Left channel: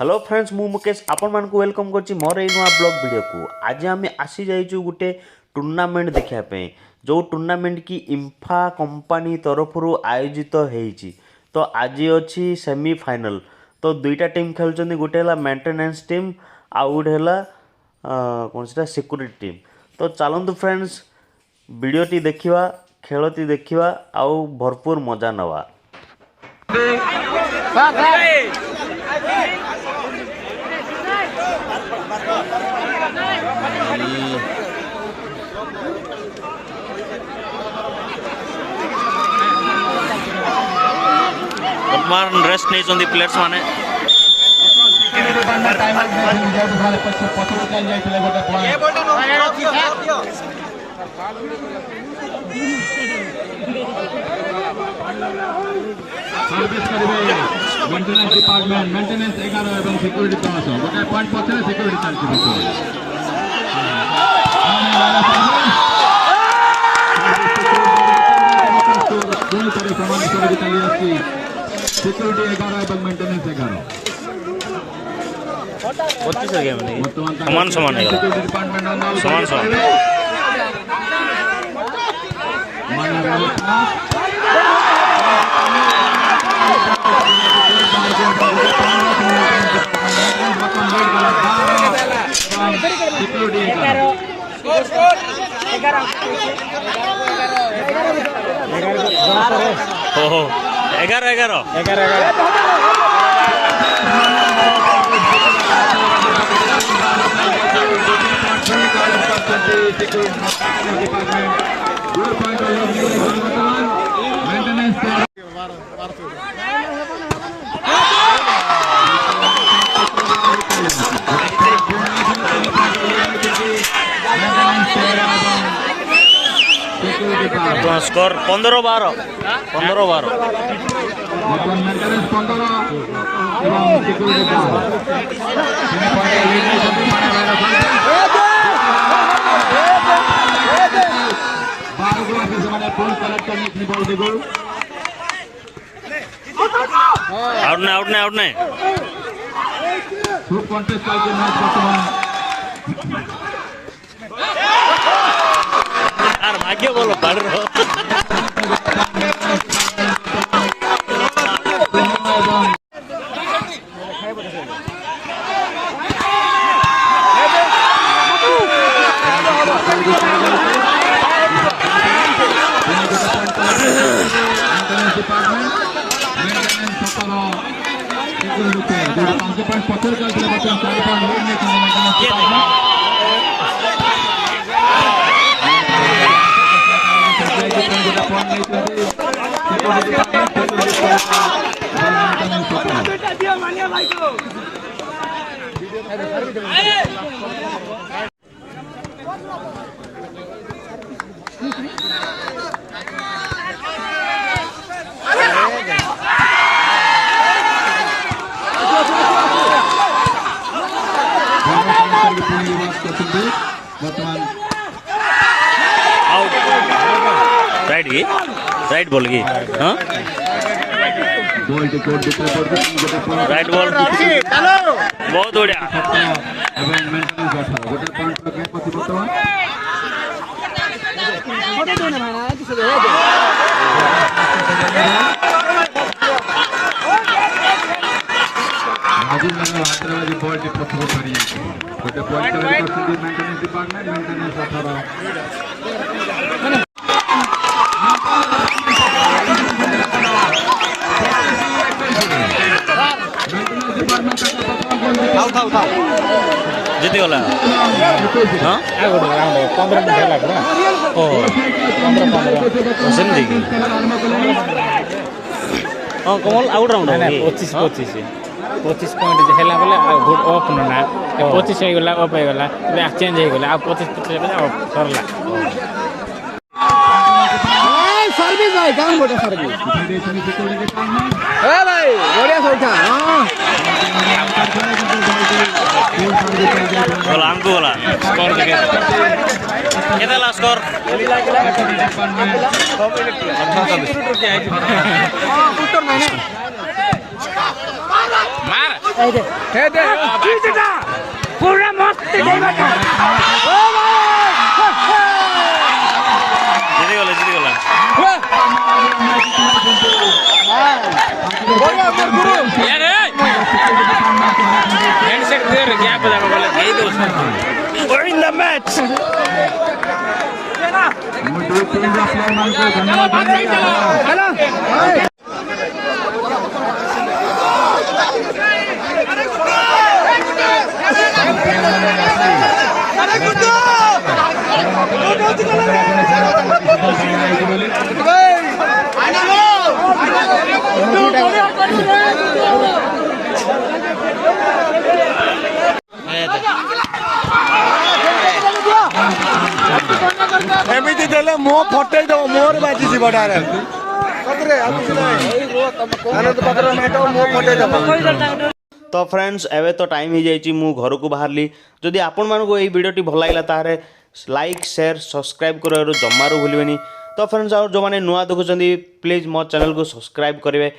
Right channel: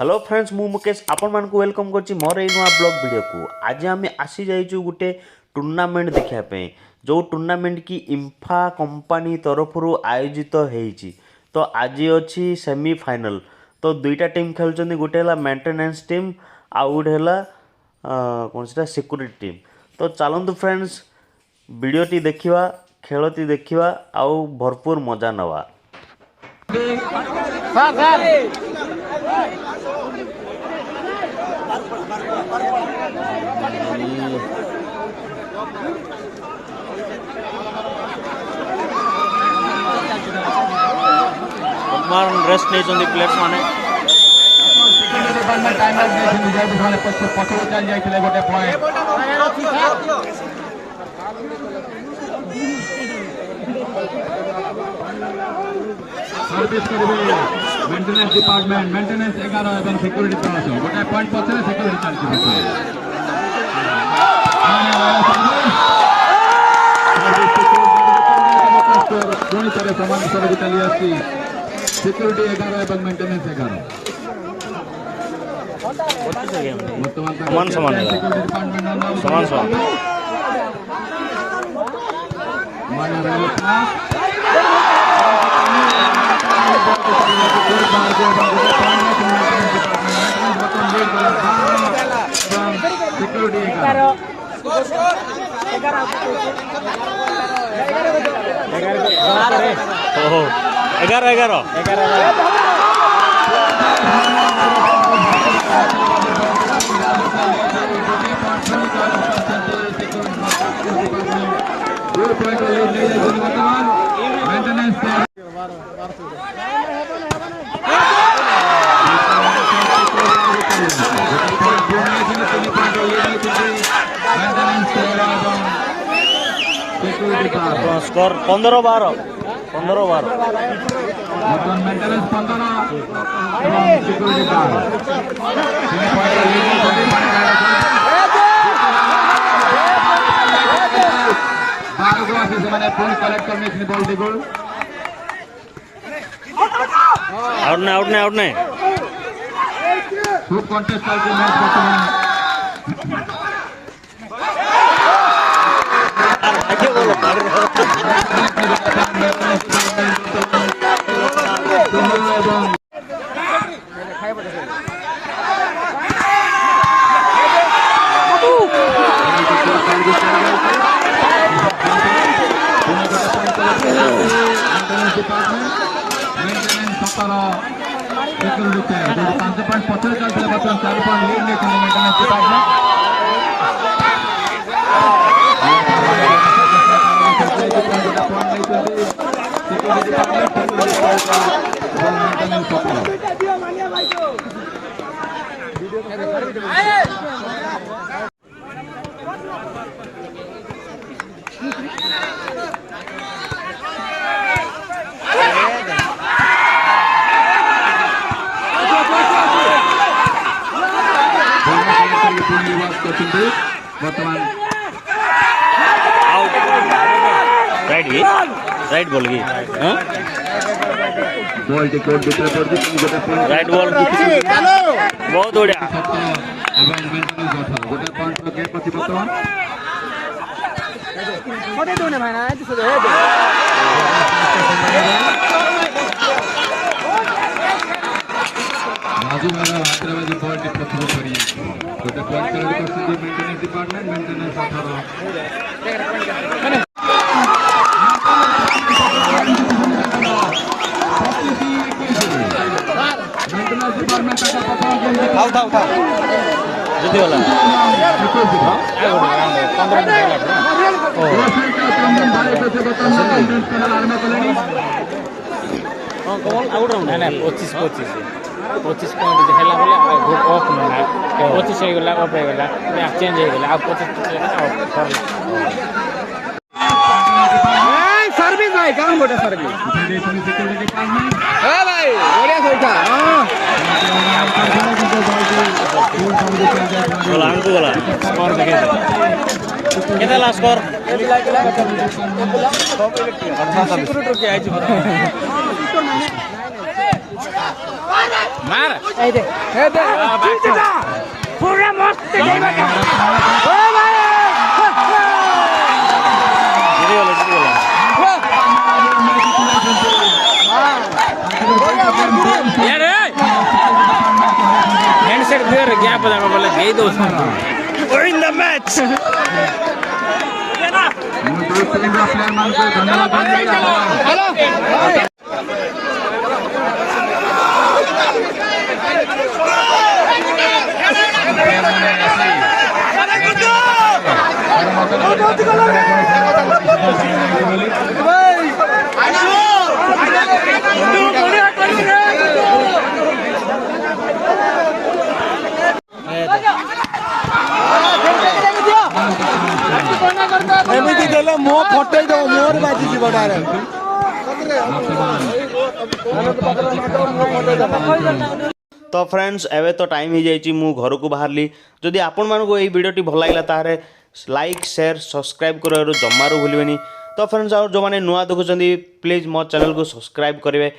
Hello friends मु मुकेश आपण मान को वेलकम करछि मोर ए नुआ ब्लॉग वीडियो को। आज आम आसी जाइछु गुटे टूर्नामेंट देखिया पे जो टूर्नामेंट की इंफा कंपनी तरफ आयोजित होईछि। तो आज अछि सेमीफाइनल। तो दुईटा टीम खेलुछन्ती, गुटे हला मेंटेनेंस टीम आ गुटे हला कोन सेटा सिक्योरिटी टीम। तो चलंतु फ्रेंड्स वीडियोटी देखिवा, खेलती देखिवा आउ भरपूर मजा नवा। वर्तमान रेस्ट नहीं चंदी प्लेयर्स माने मेंटेनेंस डिपार्टमेंट मेंटेनेंस 11 एवं सिक्योरिटी 300 गोटे पॉइंट पछरे सिक्योरिटी चलछि। पूरी तरह समान कर चली आसी सिक्योरिटी 11 एवं मेंटेनेंस 11 25 हो गया समान समान है समान समान एगारह स्कोर 15-12 आउट नहीं खूब कॉन्टेस्ट करके मैच वर्तमान आउट राइट बॉल की बॉल टिकट दूसरे पर राइट बॉल बहुत बढ़िया मेंटेनेंस डिपार्टमेंट जीती वाला कमल आउट राउंड 25 पॉइंट है गुड ऑफ ना 25 हो गला ऑफ हो गला चेंज हो गला 25 आउट करला सर्विस भाई काम बोटा सर्विस सिक्योरिटी डिपार्टमेंट ओ भाई बढ़िया सोचा बोला हमको बोला स्कोर देखे केतला स्कोर मार এই দে पूरा मस्त জিতে গলা यार हैंडसेट दे रे गैप जा बोले गई दो we're in the match ଏମିତି ଦେଲେ ମୋ ଫଟେଇ ଦବ ମୋର ବାଜିଛି ବଡାରେ तो फ्रेंड्स एवं तो टाइम ही जाइए मु घर को बाहरली जदि आपण मानक ये वीडियोटी भल लगा तारे लाइक शेयर सब्सक्राइब कर जमारू भूलें तो फ्रेंड्स और जो मैंने नुआ देखुं प्लीज मो चैनल को सब्सक्राइब करेंगे